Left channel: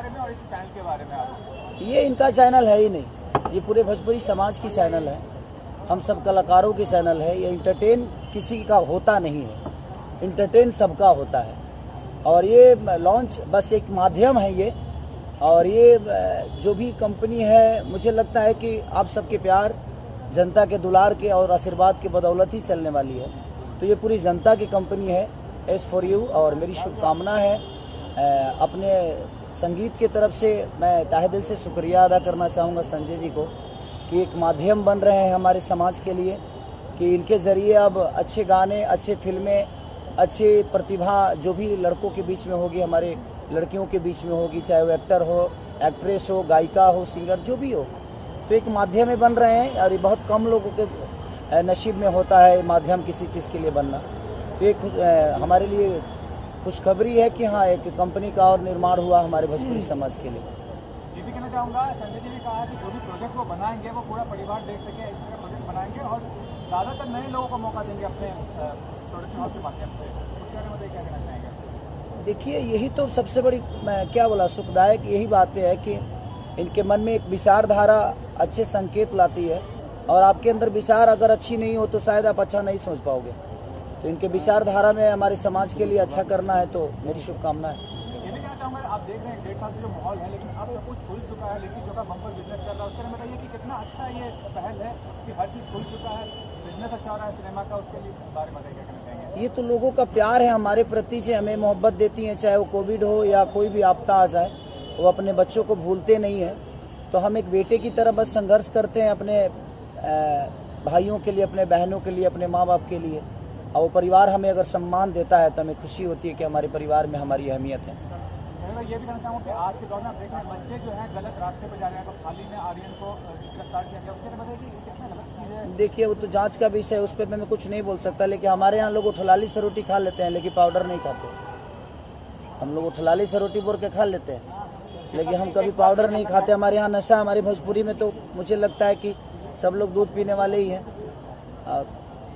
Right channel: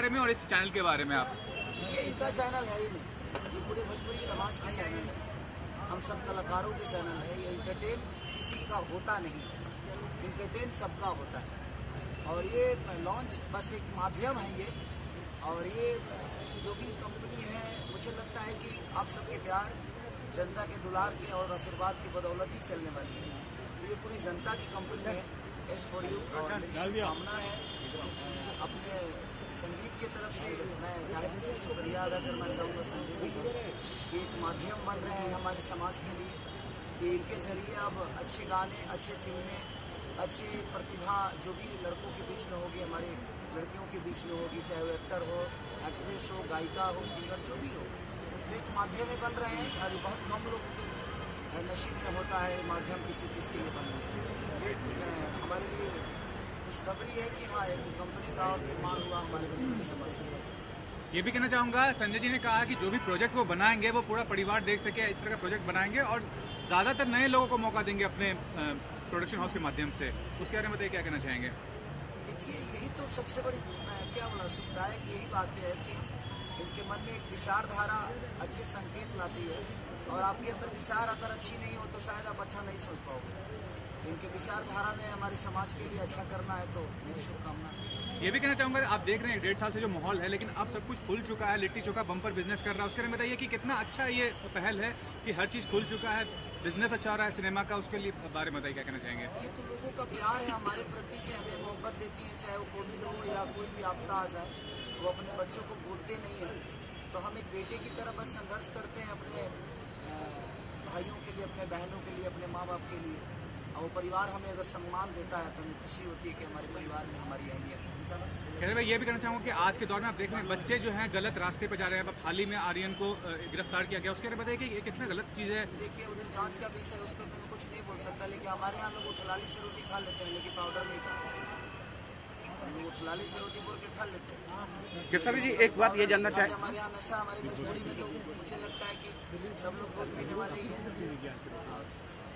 बारे में और इस चैनल के बारे में आप? ये इनका चैनल है ही नहीं, ये पूरे भोजपुरी समाज की चैनल है, हम सब कलाकारों की चैनल है। ये इंटरटेन किसी का होता नहीं है, इंटरटेन सबका होता है। और ये लॉन्च बस एक माध्यम है ये, और ये जो भी कंपनी है, मुझे लगता है कि आप सबके प्यार, जनता के दुलार के और आशीर्वाद के बदौलत ही चलने वाली है। तो ये पूरी जनता की कंपनी है, एस फॉर यू। और मेरी शुभकामना है अपने संगीत के तरफ से मैं तहे दिल से शुक्रिया अदा करना चाहूँगा संजय जी को कि एक माध्यम बन रहे हैं हमारे समाज के लिए, कि इनके ज़रिए अब अच्छे गाने, अच्छे फिल्में, अच्छी प्रतिभा जो भी लड़कों के बीच में होगी, हमारे लड़कियों के बीच में होगी, चाहे वो एक्टर हो, एक्ट्रेस हो, गायिका हो, सिंगर जो भी हो, तो एक माध्यम में बन रहे हैं। और ये बहुत कम लोगों के नसीब में होता है माध्यम किसी चीज़ के लिए बनना। तो एक हमारे लिए खुशखबरी है कि हाँ, एक कंपनी का और निर्माण हुआ हमारे भोजपुरी समाज के लिए। ये भी कहना चाहूँगा, संजय जी ने कहा कि जो भी प्रोजेक्ट वो बनाएंगे वो पूरा परिवार देख सके, इस तरह का प्रोजेक्ट बनाएंगे और ज़्यादातर नए लोगों को मौका देंगे अपने प्रोडक्शन हाउस के माध्यम से। उसके बारे में क्या कहना चाहेंगे? देखिए, यही तो सबसे बड़ी, मैं क्या बोला, सुखदायक यही बात है कि इनके मन में एक विचारधारा अच्छे संकेत लाती है, और आपके अंदर विचार अगर अच्छी नहीं हो तो शायद आप अच्छा नहीं सोच पाओगे। तो इनके विचारधारा में हमारे समाज के लिए अच्छा करना है, तो मेरी शुभकामना है। ये भी कहना चाहूँगा, आप देख रहे हैं 1.5 साल से जो माहौल है, लेकिन अब सब कुछ खुल चुका है, लिट्टी चोखा बम्पर बिजनेस कर रहा है। उसके बारे में बताइए कि कितना अच्छा ये पहल है कि हर चीज़ खुल चुका है, बिजनेस अच्छा हो रहा है सिनेमा का, उसके लिए बारे में बताइए क्या कहना चाहेंगे? ये तो लोगों का प्यार है हमारे प्रति, जो हमें मोहब्बत देती हैं, चाहे वो कोविड हो या कोई भी आपदा आ जाए, वो अपने बच्चों को भूलते नहीं हैं। तो हम एक बेटे की तरह बस संघर्ष करते हैं अपने भाइयों के लिए, अपने बहनों के लिए, अपने माँ बाप के लिए। और वो परिवार हमें अगर सम्मान देता है तो हमें खुशी होती है कि हमारे परिवार में हमारी अहमियत है। भाई, ये भी कहना चाहूँगा कि आज के दौर में आप देख रहे हैं बच्चे जो हैं गलत रास्ते पर जा रहे हैं। अब हाल ही में आर्यन को गिरफ्तार किया गया, उसके बारे में बताइए कि ये कितना गलत चीज़ है? देखिए, वो तो जांच का विषय है, उस पर मैं कुछ नहीं बोल सकता। लेकिन हमारे यहाँ लोग उठलाली से रोटी खा लेते हैं, लेकिन पाउडर नहीं खाते। हम लोग उठलाली से रोटी बोल के खा लेते हैं, लेकिन हम कभी पाउडर नहीं खाते। हमारे यहाँ नशा, हमारे भोजपुरी में तो मुझे लगता है कि सब लोग दूध पीने वाले ही हैं, और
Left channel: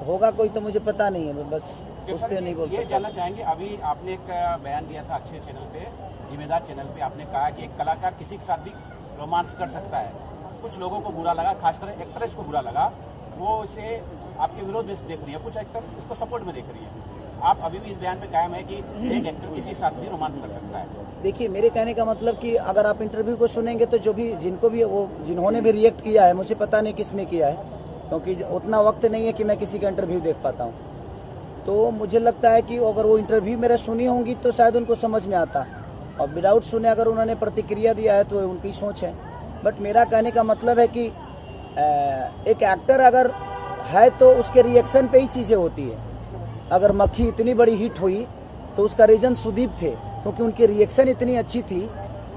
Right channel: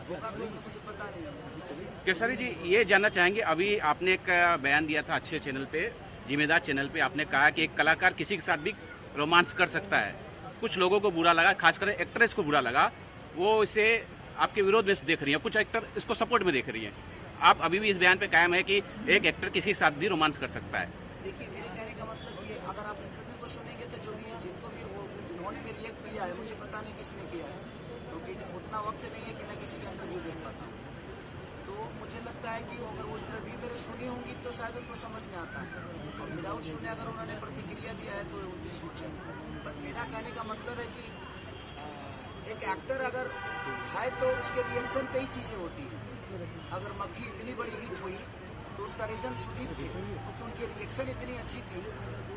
होगा कोई तो मुझे पता नहीं है, बस उस पे नहीं बोल सकता। ये जानना चाहेंगे, अभी आपने एक बयान दिया था अच्छे चैनल पे, जिम्मेदार चैनल पे, आपने कहा कि एक कलाकार किसी के साथ भी रोमांस कर सकता है। कुछ लोगों को बुरा लगा, खासकर एक्ट्रेस को बुरा लगा, वो इसे आपके विरोध में देख रही है, कुछ एक्टर इसको सपोर्ट में देख रही है। आप अभी भी इस बयान पे कायम है कि एक एक्टर किसी के साथ भी रोमांस कर सकता है? देखिए, मेरे कहने का मतलब कि अगर आप इंटरव्यू को सुनेंगे तो जो भी, जिनको भी वो, जिन्होंने भी रिएक्ट किया है, मुझे पता नहीं किसने किया है, क्योंकि उतना वक्त नहीं है कि मैं किसी का इंटरव्यू देख पाता हूँ। तो मुझे लगता है कि अगर वो इंटरव्यू मेरा सुनी होंगी तो शायद उनको समझ में आता, और विदाउट सुने अगर उन्होंने प्रतिक्रिया दिया है तो उनकी सोच है। बट मेरा कहने का मतलब है कि एक एक्टर अगर है तो उसके रिएक्शन पे ही चीज़ें होती है। अगर मक्खी इतनी बड़ी हिट हुई तो उसका रीज़न सुदीप थे, क्योंकि उनकी रिएक्शन इतनी अच्छी थी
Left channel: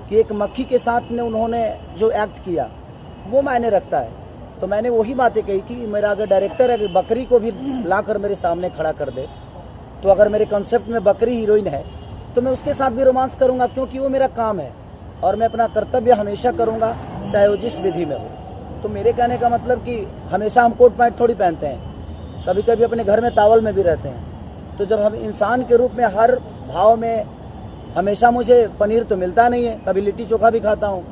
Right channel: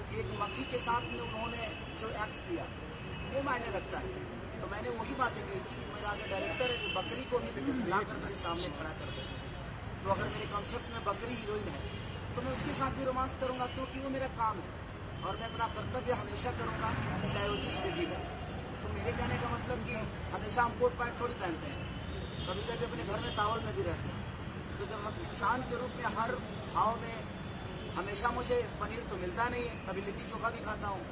कि एक मक्खी के साथ ने उन्होंने जो एक्ट किया वो मायने रखता है। तो मैंने वही बातें कही कि मेरा अगर डायरेक्टर अगर बकरी को भी लाकर मेरे सामने खड़ा कर दे, तो अगर मेरे कॉन्सेप्ट में बकरी हीरोइन है तो मैं उसके साथ भी रोमांस करूंगा, क्योंकि वो मेरा काम है और मैं अपना कर्तव्य हमेशा करूंगा, चाहे वो जिस विधि में हो। तो मेरे कहने का मतलब कि हमेशा हम कोट पैंट थोड़ी पहनते हैं, कभी कभी अपने घर में तावल में भी रहते हैं। तो जब हम इंसान के रूप में हर भाव में, हमेशा मुझे पनीर तो मिलता नहीं है, कभी लिट्टी चोखा भी खाता हूँ।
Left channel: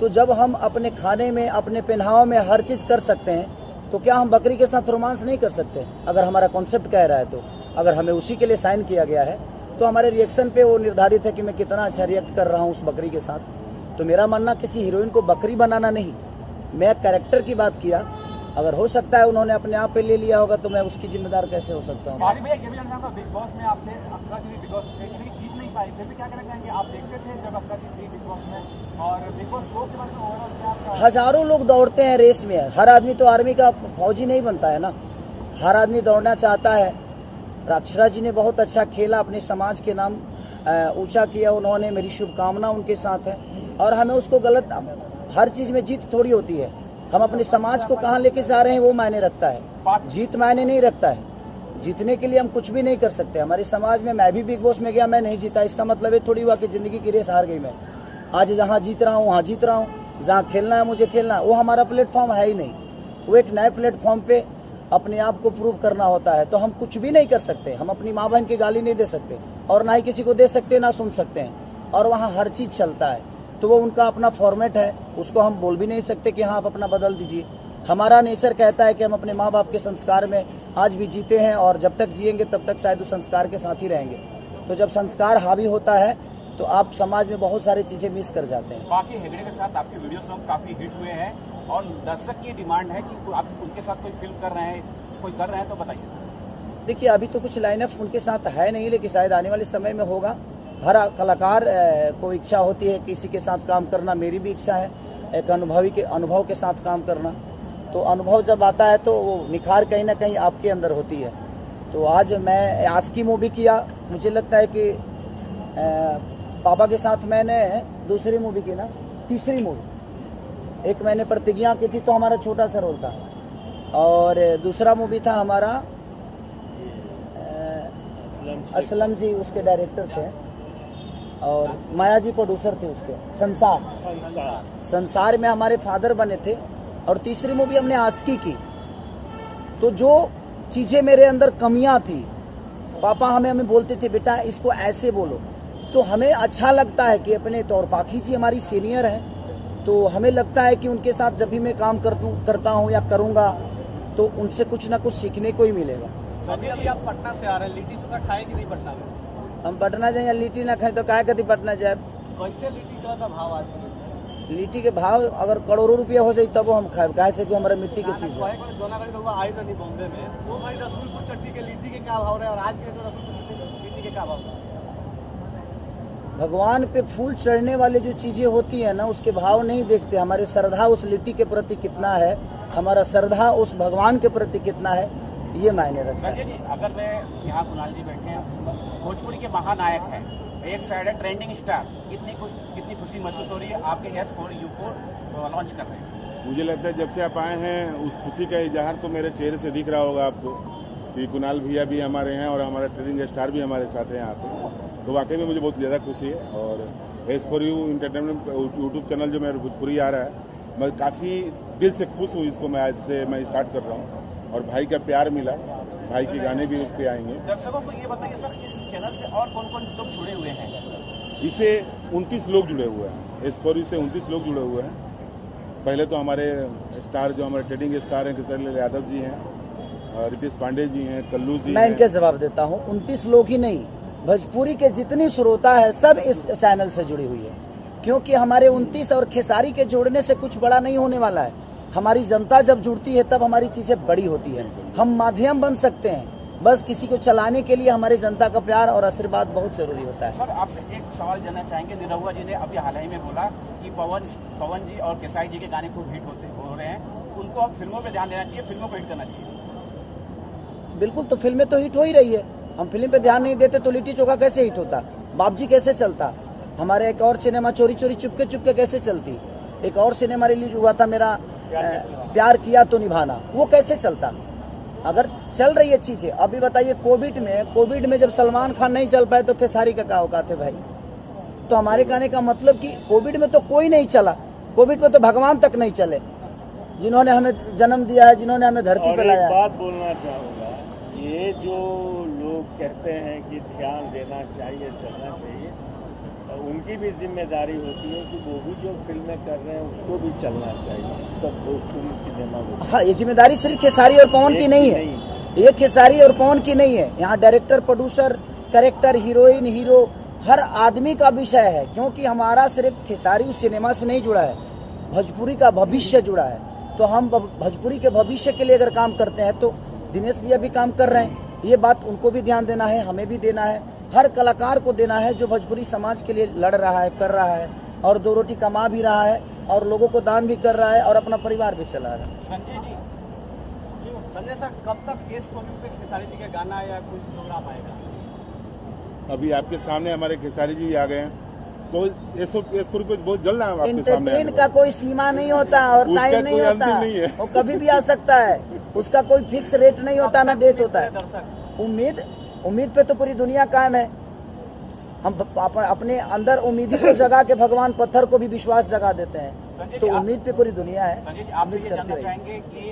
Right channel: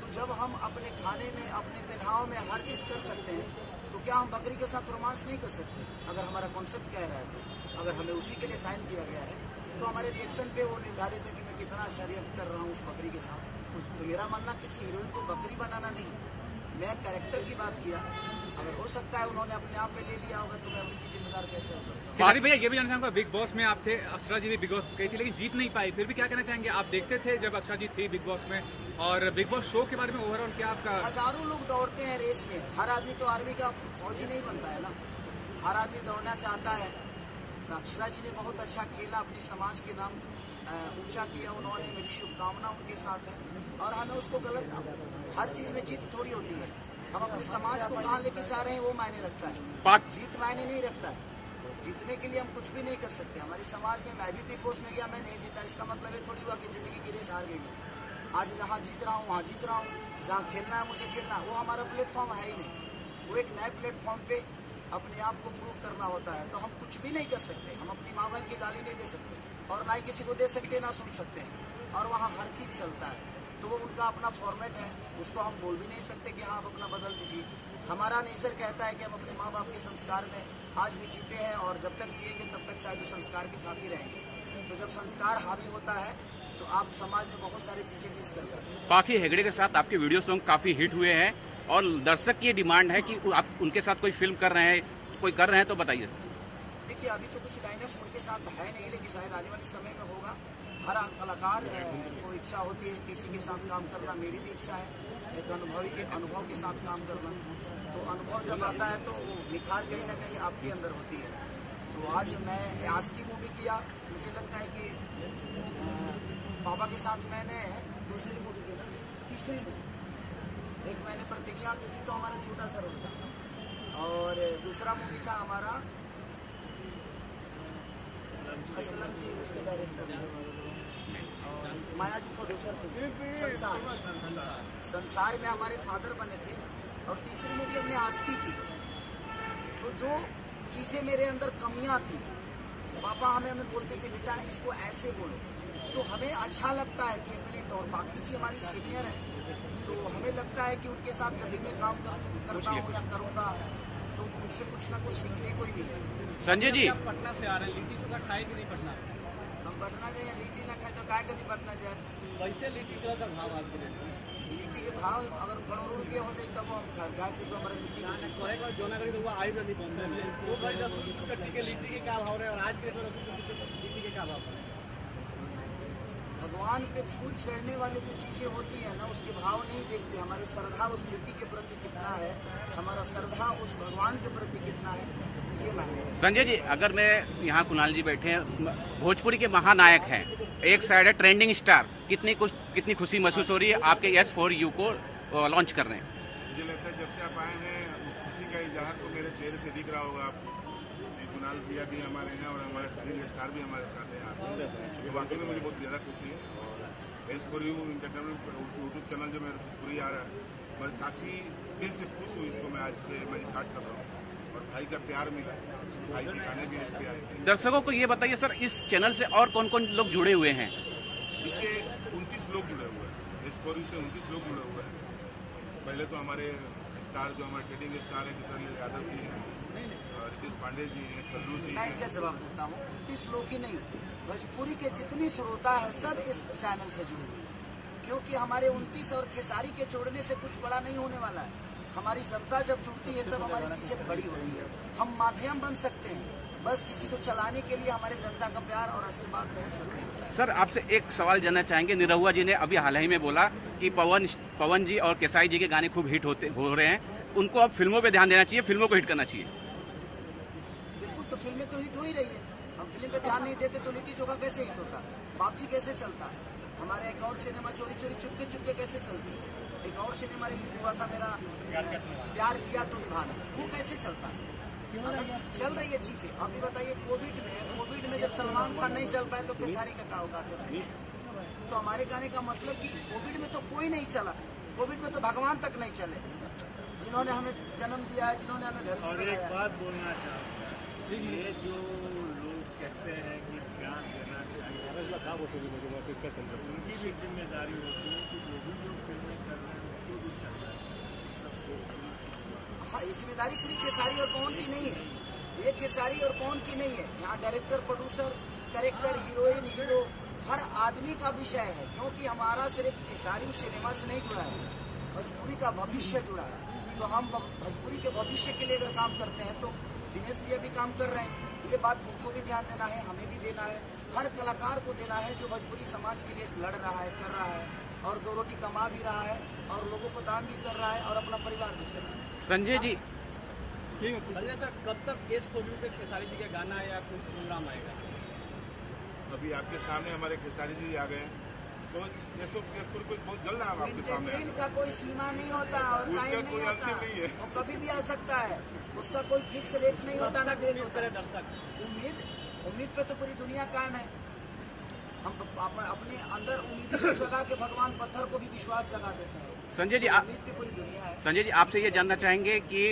तो जब हम अपने खाने में, अपने पहनाव में हर चीज़ कर सकते हैं, तो क्या हम बकरी के साथ रोमांस नहीं कर सकते? अगर हमारा कॉन्सेप्ट कह रहा है तो, अगर हमें उसी के लिए साइन किया गया है तो हमारे रिएक्शन पे वो निर्धारित है कि मैं कितना अच्छा रिएक्ट कर रहा हूँ उस बकरी के साथ। तो मेरा मानना किसी हीरोइन को बकरी बनाना नहीं, मैं कैरेक्टर की बात किया। अगर हो सकता है उन्होंने अपने आप पे ले लिया होगा तो मैं उसकी जिम्मेदार कैसे हो सकता हूँ? भैया, ये भी जानना चाहूँगा, बिग बॉस में आप थे, अक्षरा जी भी बिग बॉस के लिए जीत नहीं पाई, फिर भी क्या कहना चाहेंगे? आप देखते थे जब अक्षरा जी थी बिग बॉस में, और बिग बॉस शो के बारे में ओवरऑल क्या आपका? हजारों लोग दौड़ते हैं रेस में, हर आदमी तो आर्मी का फौजी नहीं बनता है ना, हर आदमी दौड़ना चाहता है। अक्षरा जी ने बहुत अच्छा खेला, अपने समाज के नाम ऊंचा किया उन्होंने, मेरी शुभकामना उनके साथ है। और हमें उसको गलत, हर चीज़ में जीत थोड़ी होती है, हम अपने समाज को कहाँ लेके जा रहे हैं वो मायने रखता है, जीत मायने नहीं रखता है। जीतने के लिए हम कुछ भी नहीं कर सकते। हमारे समाज में, मैं भी बिग बॉस में गया, मैं नहीं जीता, इसका मतलब ये थोड़ी हुआ कि ज़िंदगी की रेस हार गई मैं। आज जहाँ जीत रहा हूँ वहाँ जीत रहा हूँ, जहाँ खेलना है मुझे खेलना, वो हमारा प्लेटफॉर्म है ही नहीं। वो एक नए प्लेटफॉर्म पे अपने आप को प्रूव करना होता है। तो हम कुछ भी नहीं कर सकते, हम अपनी माँ बहन की गाली नहीं दे सकते, और ना ही किसी को दे सकते, ना सुन सकते हैं। और वहाँ हर चीज़ चलता है। तो वो उनका अपना फॉर्मेट है, उसको हम बोल भी नहीं सकते कि हाँ आप अपना बदल दीजिए। हमारा नेचर कहता है कि हम अपने माँ बाप के संस्कार में आज भी जीते हैं और जब तक जिएंगे तब तक शायद उस संस्कार के साथ ही रहेंगे। तो जब संस्कार हावी होता है तो आप समाज में बहुत सारी चीज़ें मिस कर जाते हैं। बाकी हेगड़े के साथ आपके वीडियो सॉन्ग काफ़ी हिट हुए हैं और दर्शक की ये डिमांड है कि आप उनके साथ कोई फिल्म कर रहे हैं, कोई कर रहे हैं तो बताइए। देखिए अभी तो कुछ लाइनअप उनके साथ है नहीं, लेकिन शायद आने वाले समय में होगा। हर कलाकार को इच्छा होती है किसी के साथ काम करना, मेरी भी इच्छा है एक अनुभव के साथ काम करना। तो अनुभव जब आता है तो वो निखार कहीं ना कहीं आपके अंदर होती है। तो आज मैं आस्की मूवी किया, मुझे लगता है कि पापा के साथ मैंने दूसरी मूवी की ना, तीसरी मूवी, एक मैंने प्रतिज्ञा की थी तो हमारा छोटा सा रोल था, और दूसरा मूवी था हमारा असलम जी उसके डायरेक्टर थे और माया जी प्रोड्यूसर थे उसके। संसार में हमारे फादर बने थे, और तीसरी मूवी हमने आस्की की। तो जो चीज़ें मेरे अंदर कमियां थी, पापा हमें बोलते थे बेटा इसको ऐसे बोलो, तो हमें अच्छा लगता है कि अपने तौर पाखी जी हमारी सीनियर हैं, तो हमें लगता है कि उनके साथ जब भी मैं काम करता हूँ या करूँगा तो उनसे कुछ ना कुछ सीखने को ही मिलेगा। संजय जी, आप पटना से आ रहे हैं, लिट्टी चोखा खाए कि नहीं पटना में? हम पटना जाए या लिट्टी ना खाएं तो काहे कति पटना जाए। कैसे लिट्टी का भाव आज के डेट में? लिट्टी के भाव अगर करोड़ों रुपया हो जाए तब हम खाए, काहे से कि हमारा मिट्टी की चीज़ है। जोनागढ़ी लोग आई नहीं बोलते थे, वो भाई रसूलपुर चट्टी के लिट्टी के क्या भाव रहे और आज के रसूलपुर लिट्टी के क्या भाव रहे? भगवान पे फूल चढ़ने वाले जो चीज़ें होती हैं ना उसके भाव नहीं देखते, हमारी श्रद्धा उस लिट्टी के प्रति कितना है, हमारा श्रद्धा उस भगवान के प्रति कितना है, ये मायने रखता है। संजय जी, अगर मैं यहाँ कुणाल जी बैठे हैं, भोजपुरी के महानायक हैं, एक साइड है ट्रेंडिंग स्टार, कितनी खुशी महसूस हो रही है आपके S4U को लॉन्च कर रहे हैं? मुझे लगता है जब से आप आए हैं उस खुशी का इजहार तो मेरे चेहरे से दिख रहा होगा आपको कि कुणाल भैया भी हमारे हैं और हमारे ट्रेंडिंग स्टार भी हमारे साथ हैं यहाँ पे। तो वाकई में मुझे बहुत ज़्यादा खुशी है। और S4U इंटरटेनमेंट यूट्यूब चैनल जो मेरा भोजपुरी आ रहा है, मैं काफ़ी दिल से खुश हूँ। इसको मैं आज से मैं स्टार्ट कर रहा हूँ और भाई का प्यार मिला, भाई के गाने भी उस पर आएंगे। दर्शकों को ये बताइए सर, इस चैनल से और कौन कौन लोग जुड़े हुए हैं? इससे 29 लोग जुड़े हुए हैं, S4U से 29 लोग जुड़े हुए हैं। पहले तो हमारे स्टार जो हमारे ट्रेडिंग स्टार हैं किशोर यादव जी हैं, रितेश पांडे जी हैं, कल्लू जी। मैं इनके जवाब देता हूँ, 29 लोग ही नहीं, भोजपुरी के जितनी श्रोता है सब इस चैनल से जुड़ी हुई है, क्योंकि हमारे 29 और खेसारी के जोड़ने से कुछ बड़ा नहीं होने वाला है। हमारी जनता जब जुड़ती है तब हमारी चीज़ें बड़ी होती है। हम माध्यम बन सकते हैं, बस किसी को चलाने के लिए हमारी जनता का प्यार और आशीर्वाद बहुत जरूरी होता है। सर, आपसे एक सवाल जानना चाहेंगे। निरहुआ जी ने अभी हाल ही में बोला कि पवन जी और केसारी जी के गाने खूब हिट हो रहे हैं, उनको अब फिल्मों पे ध्यान देना चाहिए, फिल्मों को हिट करना चाहिए। बिल्कुल, तो फिल्में तो हिट हो ही रही है। हम फिल्म पे ध्यान नहीं देते तो लिट्टी चोखा कैसे हिट होता, बाबजी कैसे चलता, हमारे एक और सिनेमा चोरी चोरी चुपके चुपके कैसे चलती, एक और सिनेमा रिलीज हुआ था मेरा प्यार किया तो निभाना, वो कैसे चलता। अगर चल रही है चीज़ें, अभी बताइए कोविड में जब सलमान खान नहीं चल पाए तो खेसारी का क्या औकात है भाई। तो हमारे कहने का मतलब कि कोविड में तो कोई नहीं चला, कोविड में तो भगवान तक नहीं चले, जिन्होंने हमें जन्म दिया है, जिन्होंने हमें धरती पर लाया। एक बात बोलना चाहूँगा, ये जो लोग कहते हैं कि ध्यान देना चाहिए, चलना चाहिए, उनकी भी जिम्मेदारी होती है कि वो भी जो फिल्में कर रहे हैं उसको भी चलना चाहिए, तब भोजपुरी सिनेमा को। हाँ, ये जिम्मेदारी सिर्फ खेसारी और पवन की नहीं है, ये खेसारी और पवन की नहीं है, यहाँ director, producer, character, heroine, hero, हर आदमी का विषय है, क्योंकि हमारा सिर्फ खेसारी उस सिनेमा से नहीं जुड़ा है, भोजपुरी का भविष्य जुड़ा है। तो हम भोजपुरी के भविष्य के लिए अगर काम करते हैं तो दिनेश भैया भी काम कर रहे हैं, ये बात उनको भी ध्यान देना है, हमें भी देना है, हर कलाकार को देना है जो भोजपुरी समाज के लिए लड़ रहा है, कर रहा है और दो रोटी कमा भी रहा है और लोगों को दान भी कर रहा है और अपना परिवार भी चला रहा है। संजय जी, संजय साहब, कब तक S4U पे खेसारी जी का गाना या कुछ प्रोग्राम आएगा? अभी आपके सामने हमारे खेसारी जी आ गए हैं, तो S4U पे बहुत जल्द आपके सामने एंटरटेन का कोई सीमा नहीं होता और उसका टाइम नहीं कोई होता, अंतिम नहीं है। वो कभी भी आ सकता है, उसका कोई फिक्स रेट नहीं होता, ना डेट होता है। उम्मीद पे तो पूरी दुनिया कायम है। हम अपने अंदर उम्मीदी को जगा के भगवान पत्थर को भी विश्वास जगा देते हैं। संजय तो जी, उम्मीद पे पूरी दुनिया है। संजय जी, आपसे ये जानना चाहेंगे कि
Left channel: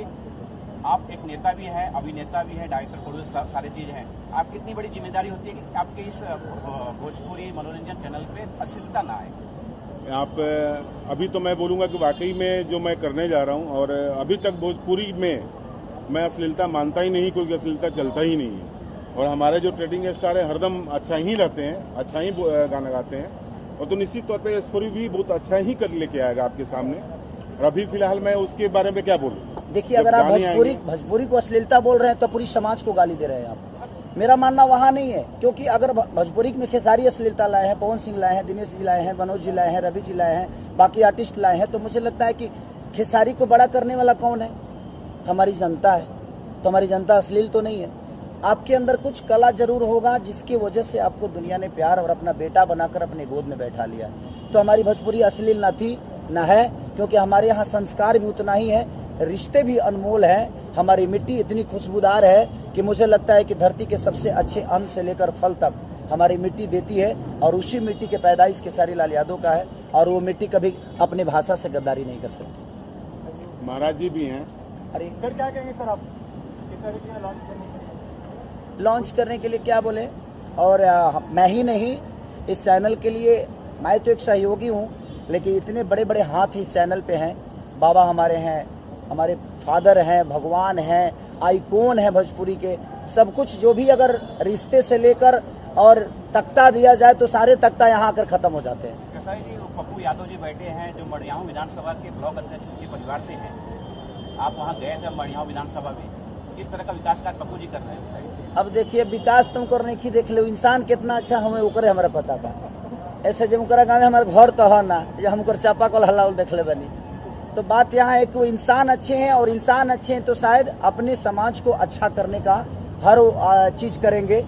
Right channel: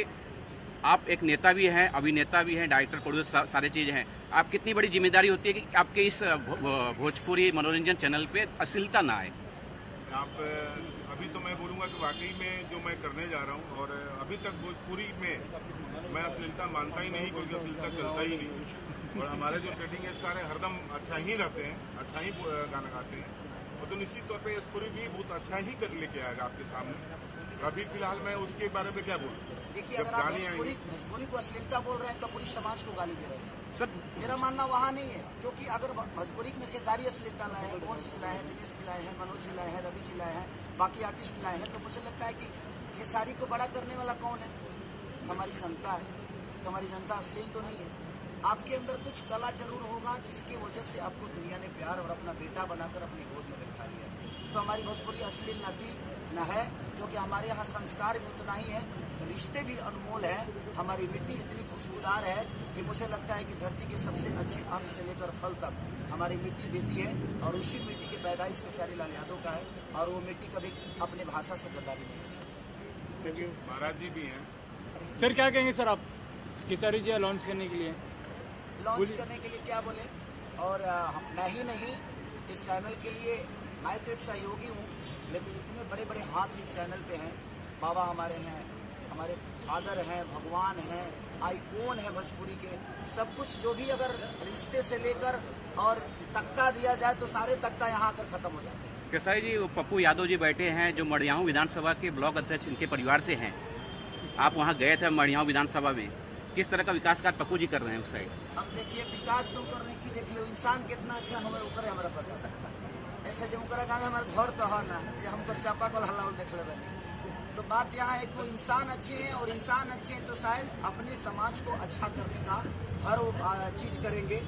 आप एक नेता भी हैं, अभिनेता भी हैं, डायरेक्टर, प्रोड्यूसर, सारे चीज़ हैं। आप कितनी बड़ी जिम्मेदारी होती है कि आपके इस भोजपुरी मनोरंजन चैनल पे अश्लीलता ना आए? आप अभी तो मैं बोलूँगा कि वाकई में जो मैं करने जा रहा हूँ, और अभी तक भोजपुरी में मैं अश्लीलता मानता ही नहीं, क्योंकि अश्लीलता चलता ही नहीं है। और हमारे जो ट्रेडिंग स्टार हैं हरदम अच्छा ही रहते हैं, अच्छा ही गाना गाते हैं, और तो निश्चित तौर पे S4U भी बहुत अच्छा ही कर लेके आएगा आपके सामने। और अभी फिलहाल मैं उसके बारे में क्या बोलूँ? देखिए, अगर आप भोजपुरी को अश्लीलता बोल रहे हैं तो पूरी समाज को गाली दे रहे हैं आप। मेरा मानना वहाँ नहीं है, क्योंकि अगर भोजपुरी में खेसारी अश्लीलता लाए हैं, पवन सिंह लाए हैं, दिनेश जी लाए हैं, मनोज जी लाए हैं, रवि जी लाए हैं, बाकी आर्टिस्ट लाए हैं, तो मुझे लगता है कि खेसारी को बड़ा करने वाला कौन है? हमारी जनता है। तो हमारी जनता अश्लील तो नहीं है। आपके अंदर कुछ कला जरूर होगा जिसकी वजह से आपको दुनिया ने प्यार और अपना बेटा बनाकर अपने गोद में बैठा लिया। तो हमारी भोजपुरी अश्लील ना थी ना है, क्योंकि हमारे यहाँ संस्कार भी उतना ही है, रिश्ते भी अनमोल हैं। हमारी मिट्टी इतनी खुशबूदार है कि मुझे लगता है कि धरती के सबसे अच्छे अन्न से लेकर फल तक हमारी मिट्टी देती है, और उसी मिट्टी के पैदाइश खेसारी लाल यादव का है, और वो मिट्टी कभी अपनी भाषा से गद्दारी नहीं कर सकती। महाराज जी भी हैं। अरे सर क्या कहेंगे सर आप खेसारी जी लॉन्च करने के लिए? लॉन्च करने के लिए क्या बोले? और मैं ही नहीं, इस चैनल के लिए मैं तो एक सहयोगी हूँ, लेकिन इतने बड़े बड़े हाथ इस चैनल पे हैं। बाबा हमारे हैं, हमारे फादर हैं, भगवान हैं, आइकॉन हैं भोजपुरी के। सब कुछ जो भी अगर रिश्ते से लेकर और तख्ता दिया जाए तो सारे तख्ता यहाँ आकर ख़त्म हो जाते हैं। खेसारी जी, पप्पू यादव जी बैठे हैं जो मड़ियाहू विधानसभा के ब्लॉक अध्यक्ष इनके परिवार से हैं। आप वहाँ गए थे मड़ियाहू विधानसभा में, किस तरह का विकास कार्य पप्पू जी कर रहे हैं उस साइड? अब देखिए, विकास तुम करने की देख लो, इंसान कितना अच्छा हमें उकरे हमारा पता था। ऐसे जब उनका गाँव में हमारे घर तो है ना, जो हमको चापा कल हल्ला देख ले बनी। तो बात यहाँ है कि वो इंसान अच्छे हैं, और इंसान अच्छे हैं तो शायद अपने समाज को अच्छा करने का हर चीज़ करेंगे।